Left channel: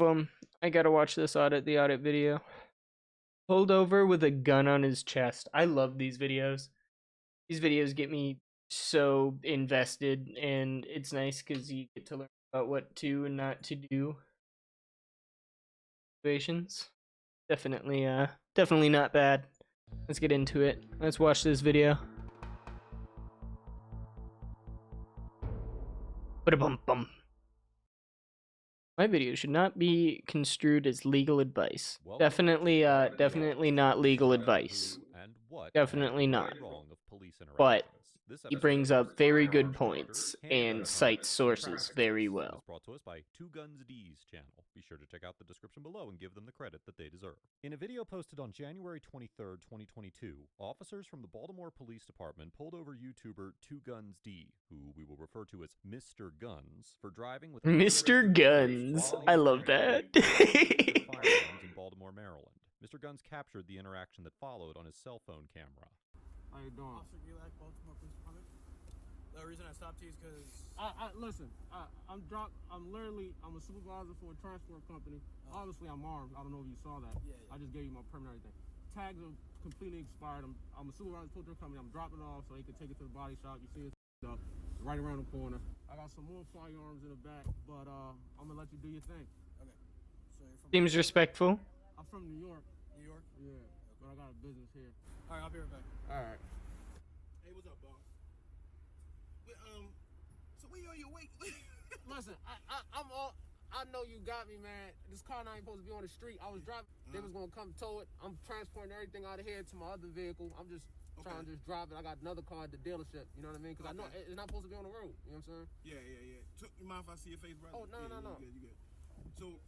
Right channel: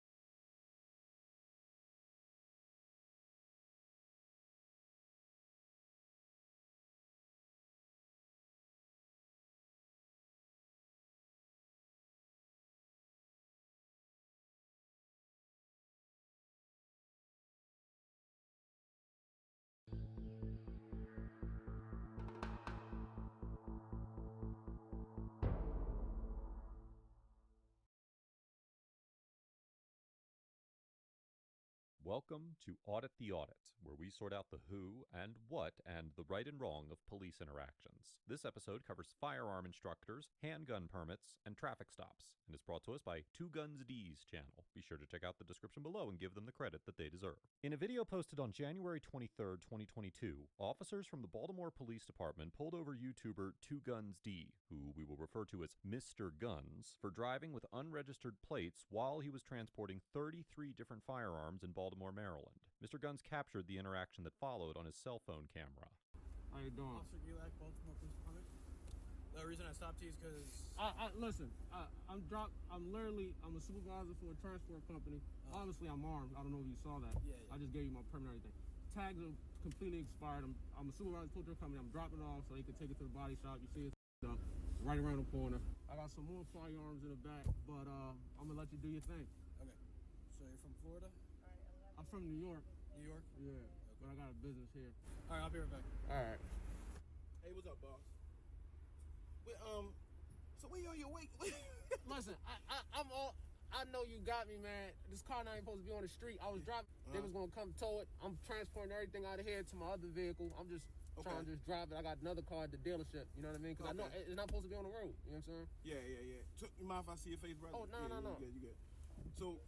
them. I gotta watch this the audit video. Pulled over with a gun on his chest. I love these videos. These videos get me so invested, and it's nice because you get to learn about what to and not to do. Situations. Definitely not bad. Let's get into it. Let's watch this video. Ba-da-bum-bum. My video should not be construed as legal advice. Definitely not legal advice. Definitely not. But he brings up very good points and cites sources very well. Is brought to us by Two Guns D's channel. Be sure to check out the description below and give them the credit that they deserve. In a video posted on January 23rd, 2022, officers from the Baltimore Police Department pulled over YouTuber Two Guns D, who we will refer to as Mr. Guns, for driving with Mr. Guns. I love that. firearms in Baltimore, Maryland. Mr. Guns captured the interaction that followed on his cell phone camera. How you doing? Officer Gilak, Baltimore Police Department. The reason I stopped you is because... listen, I'm a supervisor for a transport company. Obviously, I'm armed. I don't know if you saw that. Yeah. I just gave you my permit and everything. Tags are completely expired. I'm a supervisor for a company. I'm dropping it off so they can take it to the body shop. You see it up right around the corner. I got some more firearms in the back, but I'm going to let you do your thing. Okay. So you're from... Seems respectful. I'm from New York. New York? Yeah, okay. But I got a business here. All right, I'll be right back. All right. Hey, what's up, boss? So when you on your way? Listen, I know you got me, man. This car now ain't supposed to be on the street. I was driving. They was gonna come tow it. I'm transporting everything out of here to my other vehicle. I'm just trying to just drive it. I got another car at the dealership. You know what I mean? Because I know it's not supposed to be on the road. You know what I'm saying? Yeah. You mind if I see your face, brother? Oh, no. You good. So...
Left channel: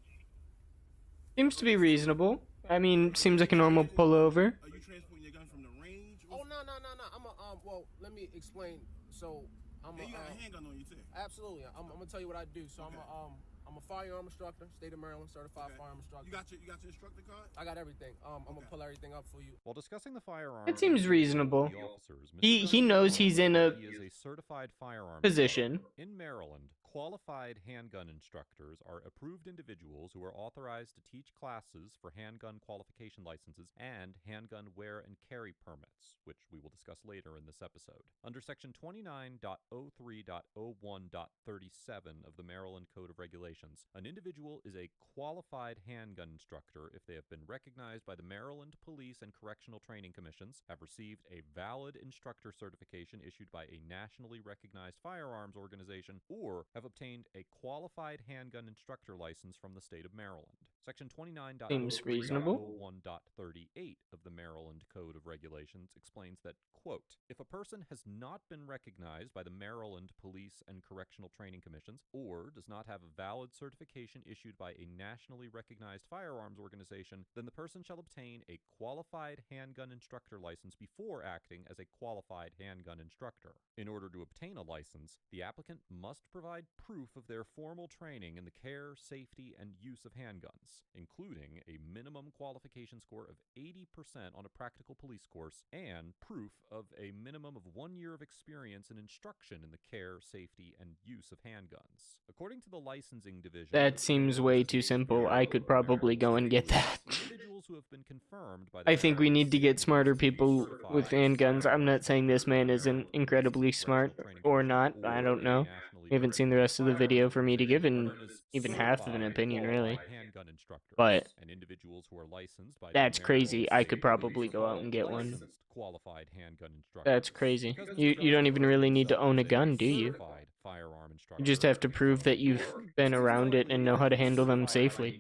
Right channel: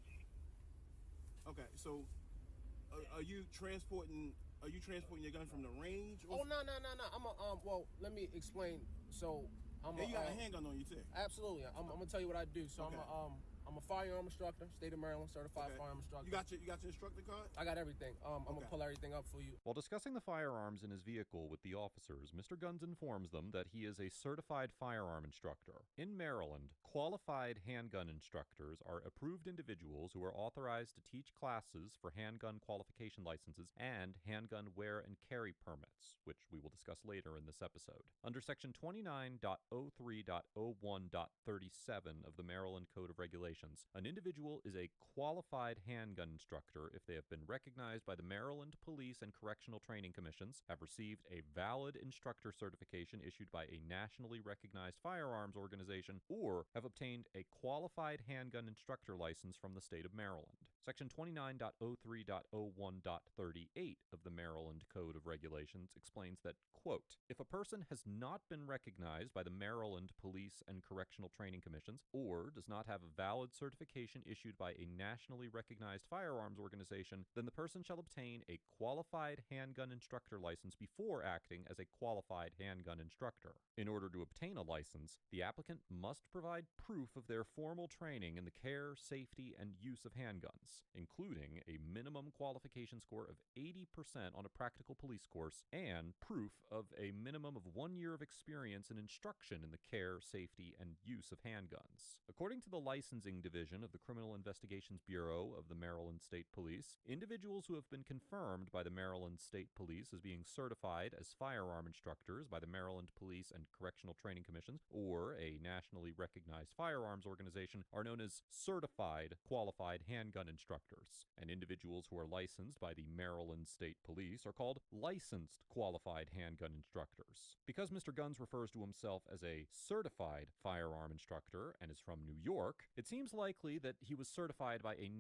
Seems to be reasonable. I mean, seems like a normal pullover. Are you transporting your gun from the range? Oh, no. Well, let me explain. So, you got a handgun on you, too? Absolutely. I'm going to tell you what I do. So, okay. I'm a firearm instructor, state of Maryland, certified firearm instructor. You got your instructor card? I got everything. I'm going to pull everything up for you. While discussing the firearms, That seems reasonable. the officers, He knows he's in a he is a certified firearm position. instructor. In Maryland, qualified handgun instructors are approved individuals who are authorized to teach classes for handgun qualification licenses and handgun wear and carry permits, which we will discuss later in this episode. Under Section 29.03.01.37 of the Maryland Code of Regulations, an individual is a qualified handgun instructor if they have been recognized by the Maryland Police and Correctional Training Commissions, have received a valid instructor certification issued by a nationally recognized firearms organization, or have obtained a qualified handgun instructor license from the state of Maryland. Section 29.03.01.38 of the Maryland Code of Regulations explains that, quote, if a person has not been recognized by the Maryland Police and Correctional Training Commissions, or does not have a valid certification issued by a nationally recognized firearms organization, then the person shall obtain a qualified handgun instructor license before acting as a qualified handgun instructor. In order to obtain a license, the applicant must provide proof of their formal training in the care, safety, and use of handguns, including a minimum qualification score of 80% on a practical police course and proof of a minimum of 1 year of experience in instruction in the care, safety, and use of handguns. According to the licensing division... That seems way too simple. I could probably go and get that. Individuals who have been confirmed by the I think we need to get smarter people with handguns. I'm not saying this man isn't incredibly smart or not. I don't know. We haven't seen the rest of the video for me to give even half of an opinion, really. But that's crazy. I could probably go out and get one. Qualified handgun instructor. That's crazy. You don't even really need to own a gun, do you? You just have to prove that you've been around it and know how to handle them safely.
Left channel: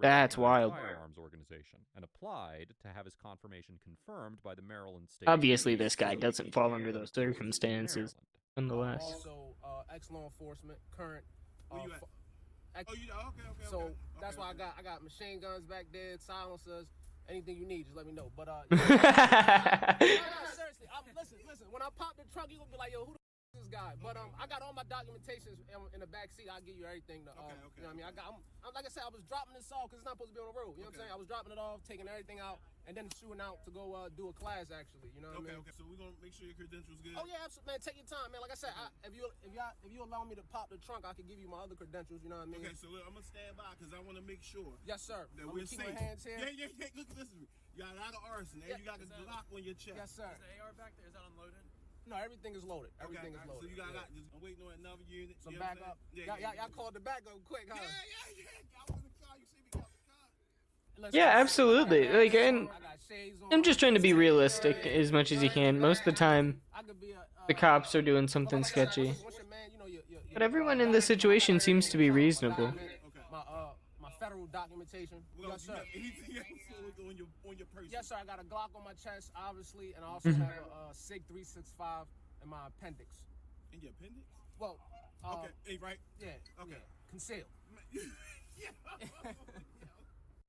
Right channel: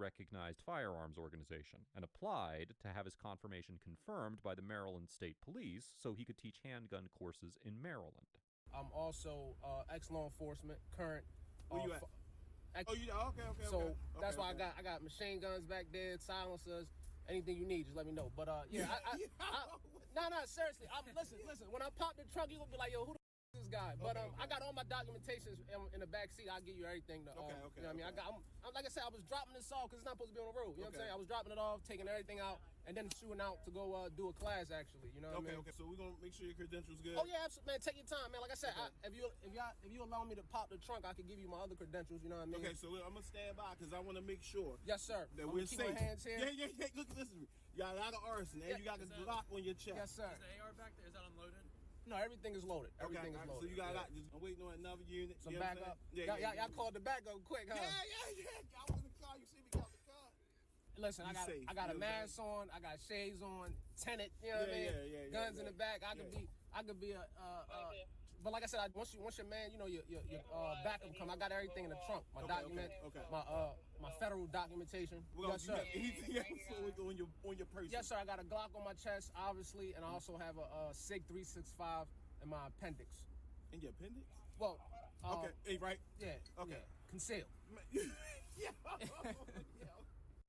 That's wild. Firearms organization and applied to have his confirmation confirmed by the Maryland State. Obviously, this guy doesn't fall under those circumstances. Nonetheless. I'm also ex-law enforcement, current. Where you at? Okay. So that's why I got machine guns back there, silencers, anything you need, just let me know. But no, seriously, listen. When I pop the trunk, you gonna be like, yo, who the f is this guy? But I got all my documentations in the back seat. I'll give you everything. You know what I mean? I'm like I said, I was dropping this off because it's not supposed to be on the road. You know what I'm saying? I was dropping it off, taking everything out. and then shooting out to go do a class. Actually, you know what I mean? Okay. So we're gonna make sure your credentials good. Oh yeah, absolutely, man. Take your time, man. Like I said, if you allow me to pop the trunk, I can give you my other credentials. You know what I mean? Okay, so I'm gonna stand by because I want to make sure. Yes, sir. That I'm we're keep safe. my hands here. Yeah. Look, listen to me. You got a lot of arson, and you got a Glock on your chest. Yes, sir. Is the AR back there? Is that unloaded? No, everything is loaded. Everything is loaded. So you got just waiting on another unit. Some backup. Y'all called the backup quick, huh? Yeah. I was in the car. You see me got the car. Listen, Yeah, absolutely. Like, and I got shades on. I'm just trying to be realistic as much as you can. Most of the time, the cops are doing something sketchy. But everyone in this situation seems to be reasonable. My federal documentation. Yes, sir. On your person. Yes, sir. I got a Glock on my chest, obviously, and I also have a SIG 365 in my appendix. In your appendix? Well, okay. Hey, right? Yeah. Okay. Yeah. Concealed. Yeah.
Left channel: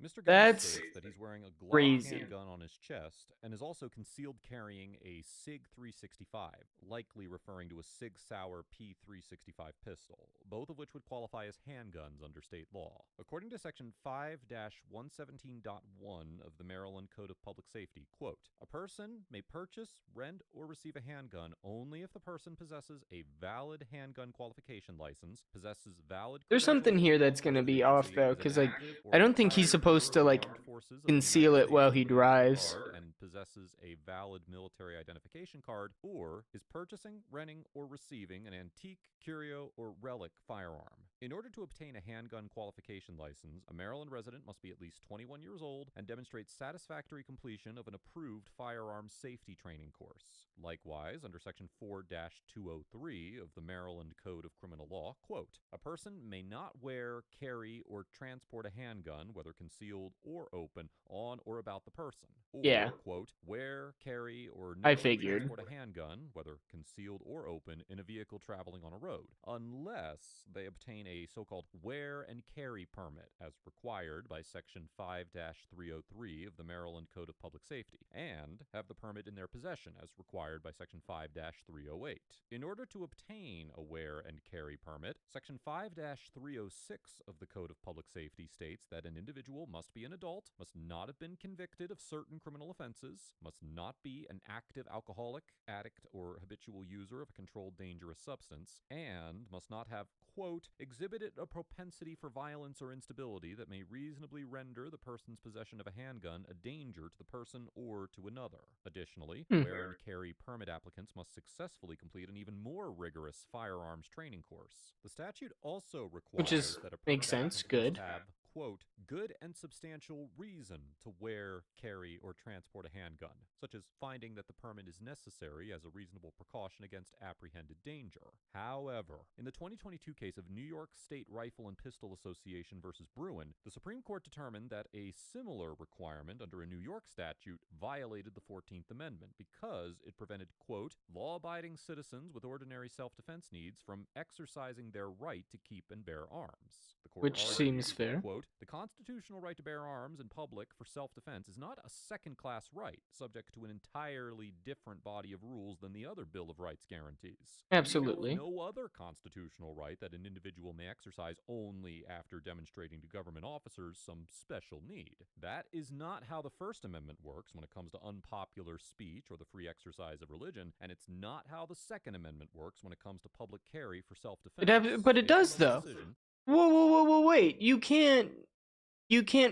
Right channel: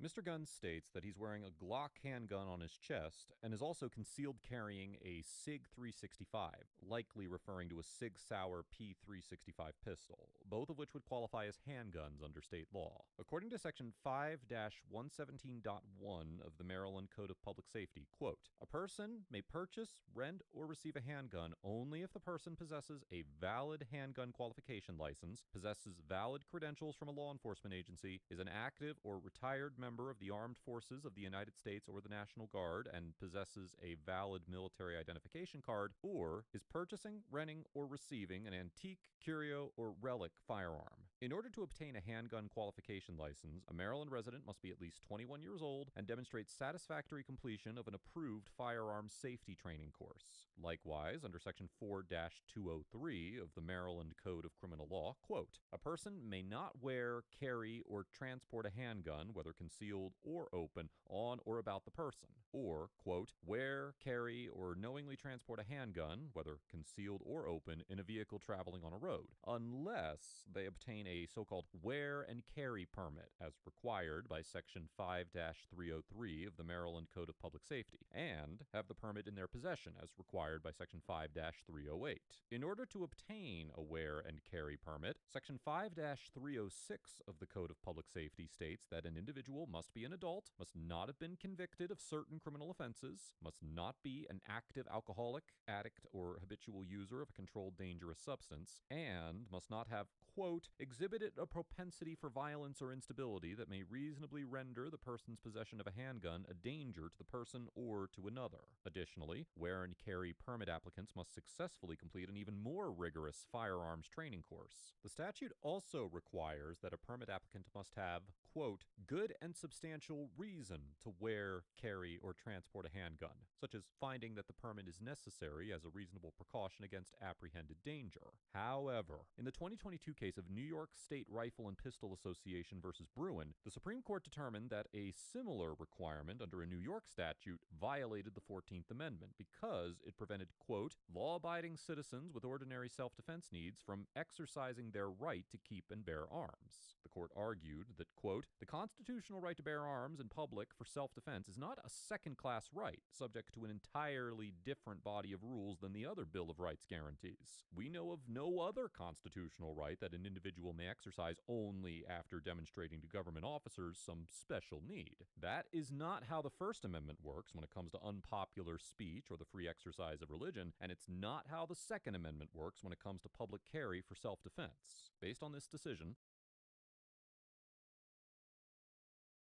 Mr. Gunn That's states that he's wearing a Glock crazy. handgun on his chest and is also concealed carrying a SIG 365, likely referring to a SIG Sauer P365 pistol, both of which would qualify as handguns under state law. According to Section 5-117.1 of the Maryland Code of Public Safety, quote, a person may purchase, rent, or receive a handgun only if the person possesses a valid handgun qualification license, possesses valid There's credentials something from here a law that's gonna be enforcement off, agency, though, is an 'cause, like, active or I don't think he's retired member supposed of to, the like, armed forces of the conceal United it while States he or the National drives. Guard and possesses a valid military identification card, or is purchasing, renting, or receiving an antique, curio, or relic firearm. In order to obtain a handgun qualification license, a Maryland resident must be at least 21 years old and demonstrate satisfactory completion of an approved firearms safety training course. Likewise, under Section 4-203 of the Maryland Code of Criminal Law, quote, a person may not wear, carry, or transport a handgun, whether concealed or open, on or about the person, or, Yeah. quote, wear, carry, or I knowingly figured. transport a handgun, whether concealed or open, in a vehicle traveling on a road, unless they obtain a so-called wear and carry permit as required by Section 5-303 of the Maryland Code of Public Safety, and have the permit in their possession as required by Section 5-308. In order to obtain a wear and carry permit, Section 5-306 of the Code of Public Safety states that an individual must be an adult, must not have been convicted of certain criminal offenses, must not be an active alcoholic, addict, or habitual user of a controlled dangerous substance, and must not have, quote, exhibited a propensity for violence or instability that may reasonably render the person's possession of a handgun a danger to the person or to another. Additionally, wear and carry permit applicants must successfully complete an even more rigorous firearms training course. The statute also requires that a permit makes sense, applicant good. must have, quote, good and substantial reason to wear, carry, or transport a handgun, such as finding that the permit is necessary as a reasonable precaution against apprehended danger. However, in the 2022 case of New York State Rifle and Pistol Association versus Bruin, the Supreme Court determined that a similar requirement under a New York statute violated the 14th Amendment because it prevented, quote, law-abiding citizens with ordinary self-defense needs from exercising their right to keep and bear arms. The court Which argued seems that, fair. quote, the constitutional right to bear arms in public for self-defense is not a second-class right, subject to an entirely different body of rules than the other Bill of Rights guarantees. Absolutely. We know of no other constitutional right that an individual may exercise only after demonstrating to government officers some special need. That is not how the First Amendment works when it comes to unpopular speech or the free exercise of religion, and it's not how the Second Amendment works when it comes to public carry for self-defense. But it Based on does, this though. decision, Whoa, wait. You can't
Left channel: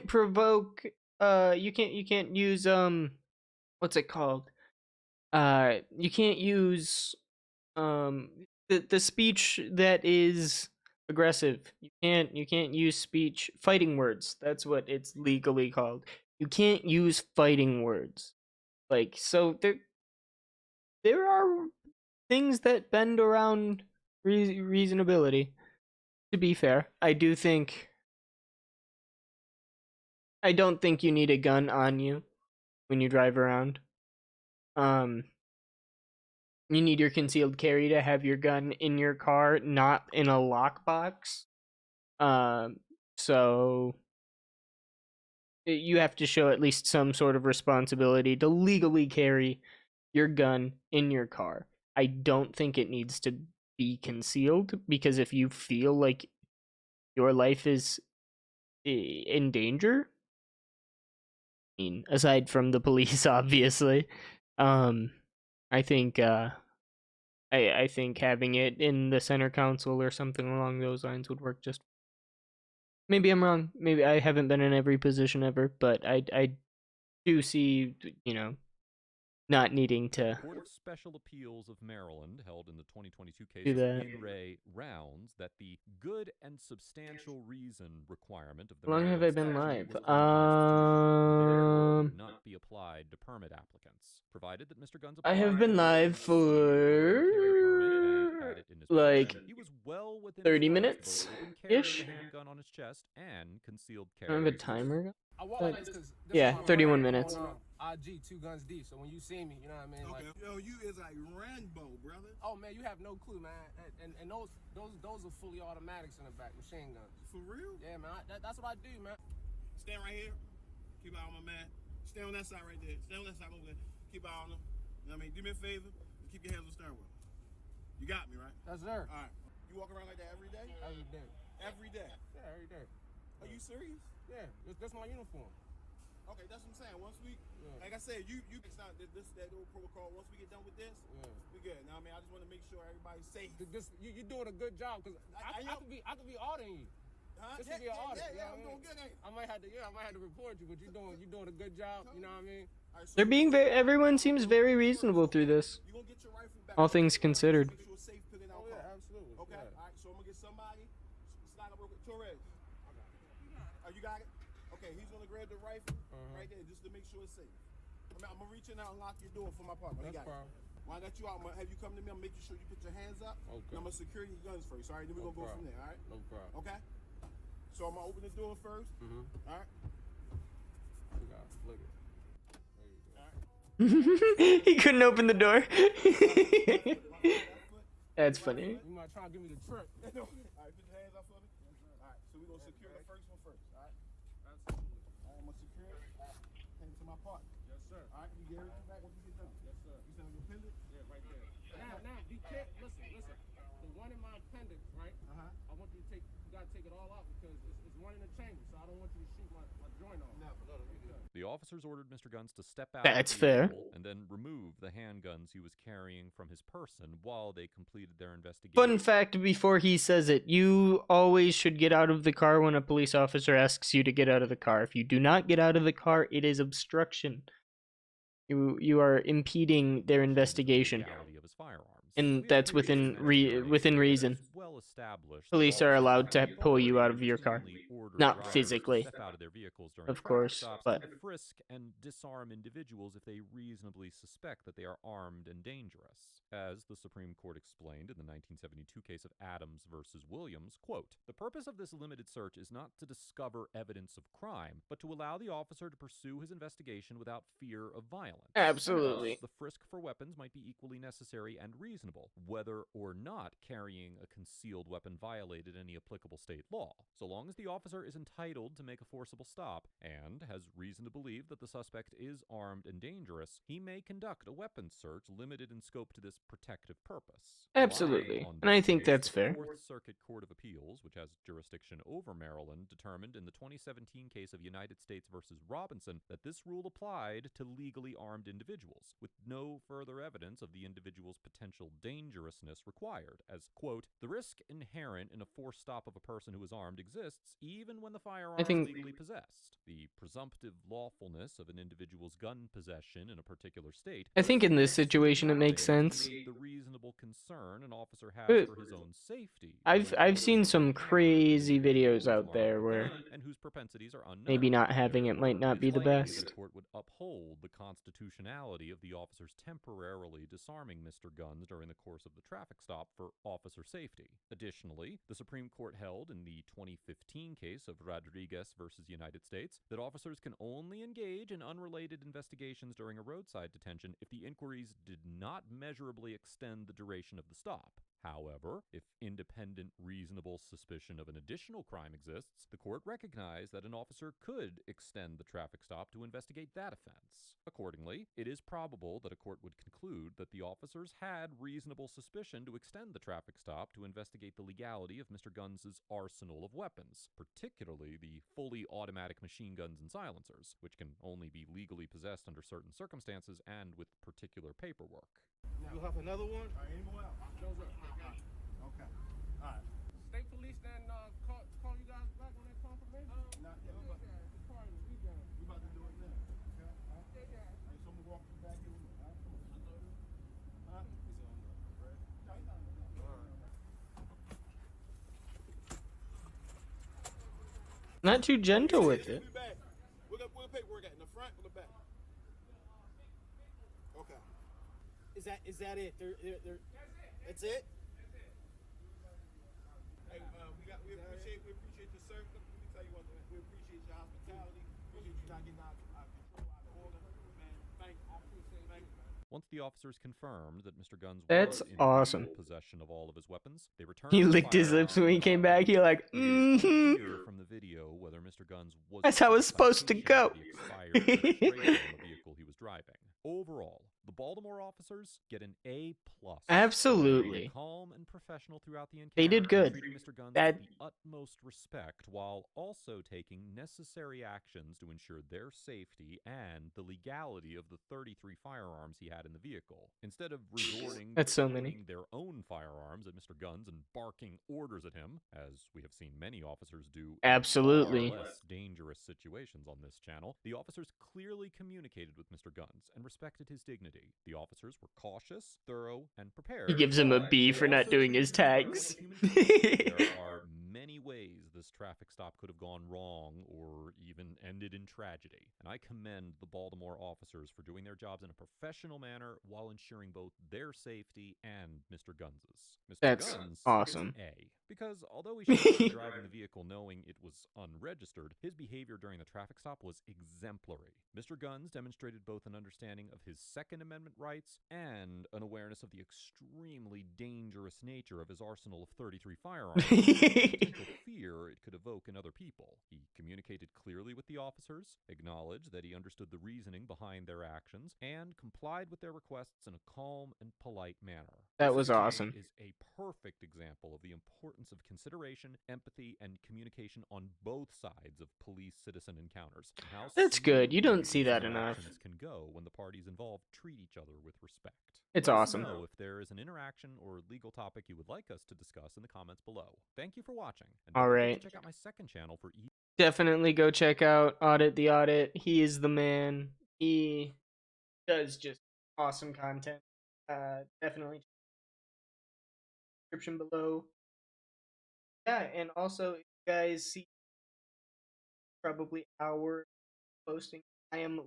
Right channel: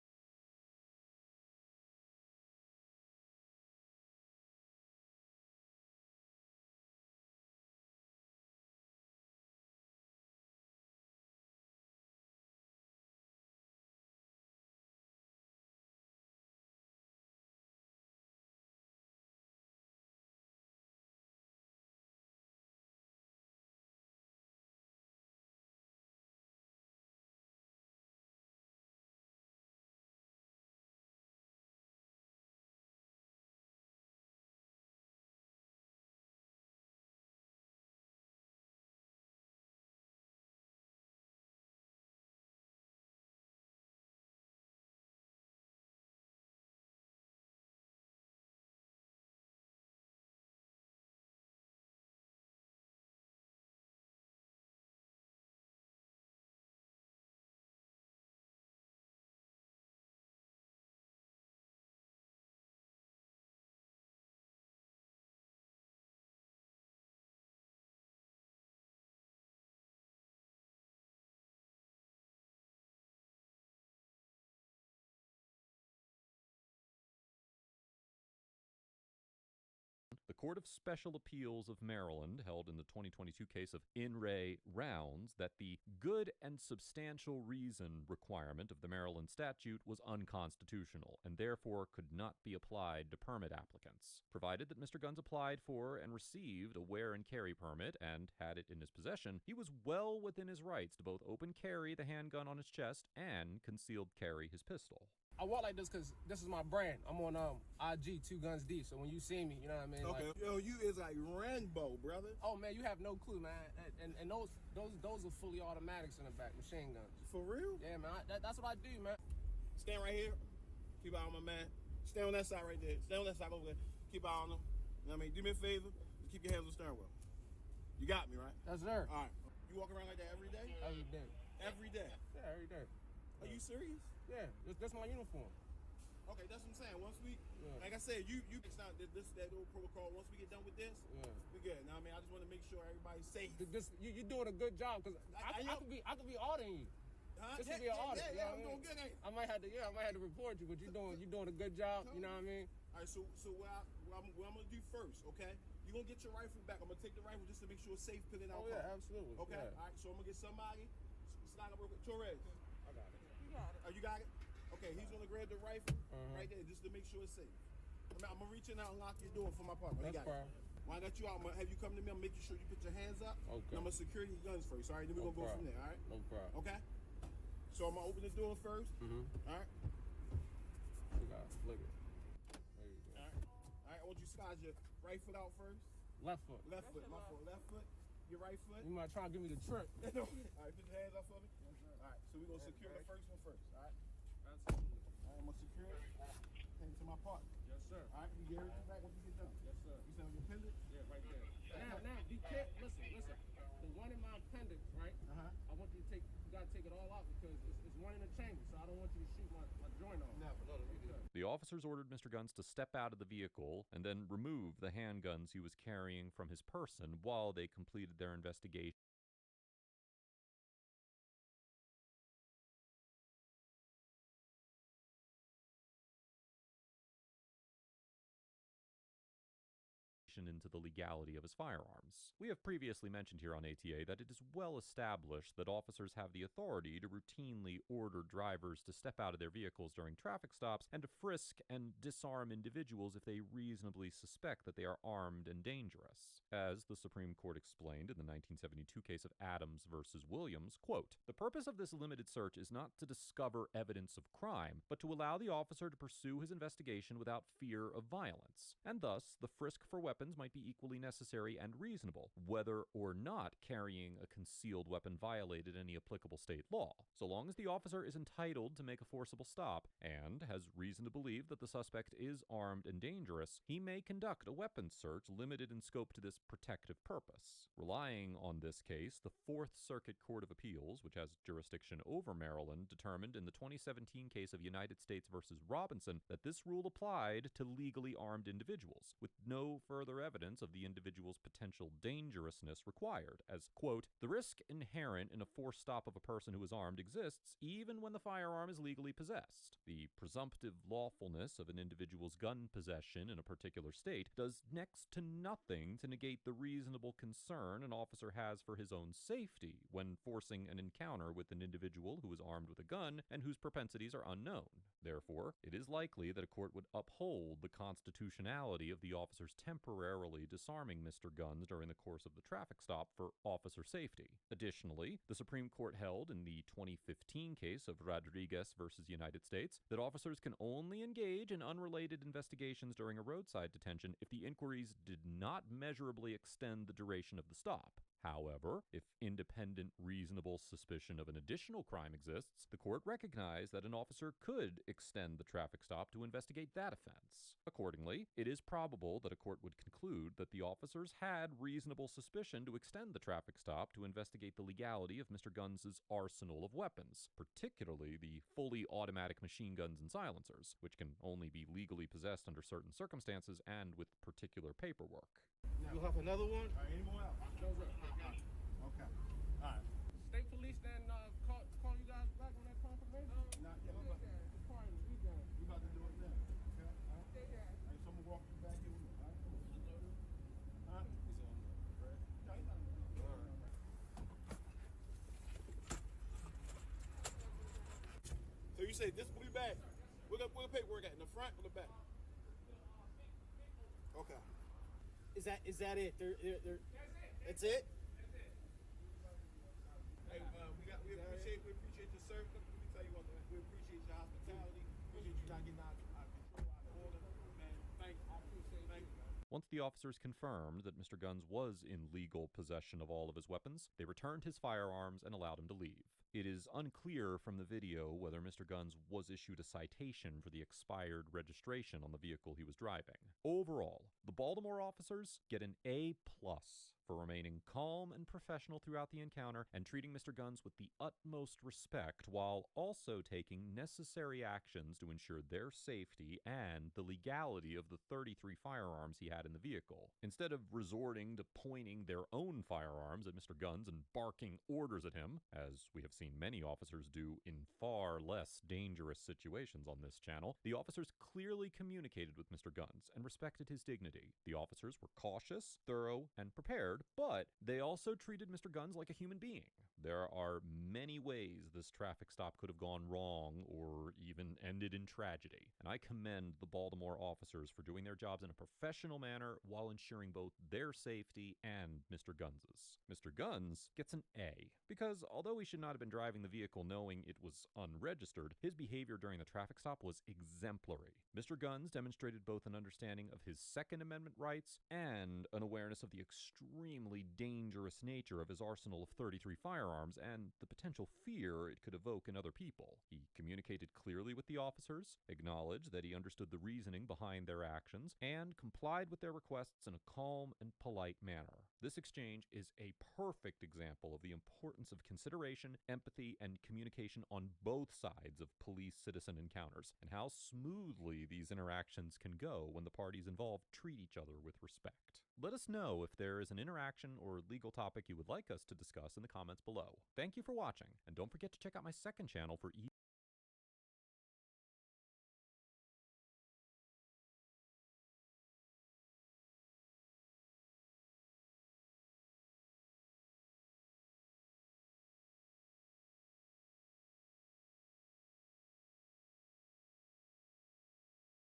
provoke, you can't use, what's it called? You can't use, the speech that is aggressive. You can't use speech, fighting words. That's what it's legally called. You can't use fighting words. Like, so there are things that bend around reasonability. To be fair, I don't think you need a gun on you when you drive around. You need your concealed carry to have your gun in your car, not in a lockbox. So you have to show at least some sort of responsibility to legally carry your gun in your car. I don't think it needs to be concealed, because if you feel like your life is in danger, mean, aside from the police, obviously. I think I think having it in the center council or something along those lines would work just. Maybe I'm wrong. Maybe I haven't been in every position ever, but I do see, not needing The to Court of Special Appeals of Maryland held in the 2022 case do of that. In Re Rounds that the good and substantial reason requirement of the How long have Maryland I been statute live? was unconstitutional and therefore could not be applied to permit applicants, provided that Mr. Guns I applied have been for and live received a wear and carry permit and for had it in his like possession. He was well within 30 his rights minutes to both open carry ish. the handgun on his chest and concealed I carry. don't have a his timer. I walk like this because Yeah, 31 minutes. on IG 2 guns deep. So when you see me, you know what I mean. Okay. Like, Yo, you is like Rambo, brother. oh man, you have no clue, man. And those are fully automatics in the back, machine guns. For real? Yeah, man. That's what I do, man. Stand right here. Keep eye on my man. Stay on that side right there. Stay on that side over there. Keep eye on him. You know what I mean? Do me a favor. Keep your hands on the steering wheel. You got me, right? That's there. All right. You walk around like that every day? Every day. Every day. Yeah, every day. Are you serious? Yeah, that's my uniform. Okay, that's what I'm saying. Once we, Yeah. like I said, it's not this that old protocol. Once we get done with this, Yeah. we good. Now, I mean, I just want to make sure everybody's safe. You doing a good job because I could be auditing you. Huh? This could be an audit. Yeah, you know I'm what I mean? doing good, ain't I might have to report you, but you're doing a good job. You know what I mean? All right, so They're being very. Everyone seems very reasonable through this. you gonna get your rifle back. All things considered. Make sure it's safe, put it out. Oh yeah, absolutely. Okay. Yeah. All right. So I'm gonna get somebody. Slide up real quick. Torres. I got it. Oh, you got it. Okay. He's gonna grab the rifle right there just to make sure it's safe. I'm gonna reach in out and lock your door for my partner. That's fine. When I got you out, I'm gonna have you come to me. I'm making sure you put your hands up. Okay. And I'm gonna secure your guns first. All right. Then we're gonna go from there. All right. No problem. Okay. So I'm gonna open the door first. Mm-hmm. All right. Look it. There you go. All right. He couldn't open the door. Left foot. That's funny. You might try to give me the trick. No. All right. Put your hands up for me. All right. So we're gonna secure the first one first. All right. Absolutely. All right. I'm gonna secure it. Hand it to my partner. Yes, sir. All right. You get everything back once you get done. Yes, sir. You send me your pendant. Yeah, right there. Now, be careful. Listen. The one in my appendix, right? I want you to gotta take it all out because it's one in the chamber, so I don't want you to shoot my joint off. Never. The officers ordered Mr. Guns to step out That's of the fair. vehicle and then remove the handguns he was carrying from his person while they completed their investigation. Fun fact before he says it, you always should get out of the car when a police officer asks you to get out of the car. If you do not get out of the car, it is obstruction. You are impeding their investigation. The legality of his firearms. And We have that's previously within mentioned in our within nature that reason. it's well established that Police are officers allowed have to the pull you out authority of your car. routinely order Not drivers physically. to step out of their vehicles during Of traffic course, stops but- and to frisk and disarm individuals if they reasonably suspect that they are armed and dangerous. As the Supreme Court explained in the 1972 case of Adams versus Williams, quote, "The purpose of this limited search is not to discover evidence of crime, but to allow the officer to pursue his investigation without fear of violence. Absolutely. And thus, the frisk for weapons might be equally necessary and reasonable, whether or not carrying a concealed weapon violated any applicable state law. So long as the officer is entitled to make a forcible stop and has reason to believe that the suspect is armed and dangerous, he may conduct a weapons search limited in scope to this protective purpose." Absolutely. Relying on And I this think case, that's the fair. Fourth Circuit Court of Appeals, which has jurisdiction over Maryland, determined in the 2017 case of United States versus Robinson that this rule applied to legally armed individuals, with no further evidence of the individual's potential dangerousness required, as, quote, "The risk inherent in a forced stop of a person who is armed exists even when the firearm is legally possessed. The presumptive lawfulness of an individual's gun possession in a particular state I think in this does situation it makes nothing to sense. negate the reasonable concern an officer has But for his own safety. I've when seen enforcing some an encounter with an crazy individual videos who is out armed there with a where gun and whose propensities are unknown. maybe not having it might not Therefore, be the it is likely best. that a court would uphold the constitutionality of the officer's temporarily disarming Mr. Guns during the course of the traffic stop for officer safety. Additionally, the Supreme Court held in the 2015 case of Rodriguez versus United States that officers can only engage in unrelated investigations during a roadside detention if the inquiries did not measurably extend the duration of the stop. However, if independent, reasonable suspicion of an additional crime exists, the court recognized that an officer could extend the traffic stop to investigate that offense. Accordingly, it is probable that a court would conclude that the officers had reasonable suspicion to extend the traffic stop to investigate the legality of Mr. Guns' arsenal of weapons, particularly the fully automatic machine guns and silencers, which can only be legally possessed under certain circumstances and with particular paperwork. You have another one? All right, any more out? Those are okay. Okay. All right. State police then call you guys back on that confirmation? Not yet. We about to do it now. Okay. All right. All right. So I'm gonna walk you back here with me. All right. Huh? Fred? No, he's not. All right. Not too gentle with it. Back. Where the paperwork at? In the front or the back? Okay. Is that it? That's it? Hey, we appreciate your service. Let me tell you one thing. We appreciate your hospitality. Appreciate you not getting out of control, out of order. Man, thank you. I appreciate it. Once the officers confirmed that Mr. Guns That's was in awesome. legal possession of all of his weapons, they returned He the licked his lips when he came back. He like, It is unclear from the video whether Mr. Guns was That's how it's supposed to citation go. for the expired registration on the vehicle he was driving. Overall, the Baltimore officers get an A+. Absolutely. Remaining calm and professional throughout the encounter. They did good. And treating Mr. Guns That- with the utmost respect while also taking necessary actions to ensure their safety and the legality of the 33 firearms he had in the vehicle. Instead of resorting That's to so many. pointing their own firearms at Mr. Guns and barking orders at him, as we have seen many officers do in Absolutely. far less dangerous situations on this channel, the officers clearly communicated with Mr. Guns and respected his dignity. The officers were cautious, thorough, and prepared. He gives him a but B they for not also doing his treated Mr. Guns tags. like a human being. There are many ways this traffic stop could have gone wrong or even ended in tragedy, and I commend the Baltimore officers for doing their jobs in a professional manner while ensuring both their safety and Mr. Guns's. Mr. That's Guns awesome. gets an A, because although he should not be driving the vehicle knowing it was unregistered, his behavior during the traffic stop was exemplary. Mr. Guns demonstrated both an understanding of his Second Amendment rights and an awareness of the extremely dangerous nature of his arsenal of 33 firearms and the potential fear it could evoke in other people. He communicated clearly with the officers, acknowledged that he understood the reasoning behind their actions, and complied with their requests in a calm and polite manner. That This was exchange awesome. is a perfect example of the importance of consideration, empathy, and communication on both sides of police-citizen encounters, and how That's good. You don't smoothly see these that enough. interactions can go when the parties involved treat each other with respect. It's Let awesome. us know if there is an interaction or legal topic you would like us to discuss in the comments below. Thank you for watching, and don't All forget right. to check out my second channel for Definitely go check out Audit the Audit. He is the man. He does just awesome content. Definitely description below. Yeah, and also if you guys see probably our posting. I am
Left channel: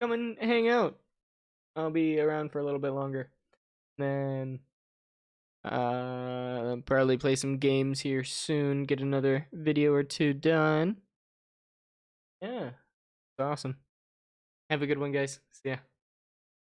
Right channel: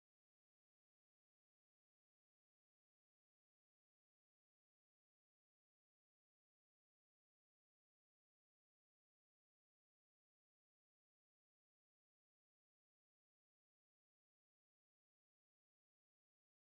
come and hang out. I'll be around for a little bit longer. Then probably play some games here soon, get another video or two done. Yeah. It's awesome. Have a good one, guys. See ya.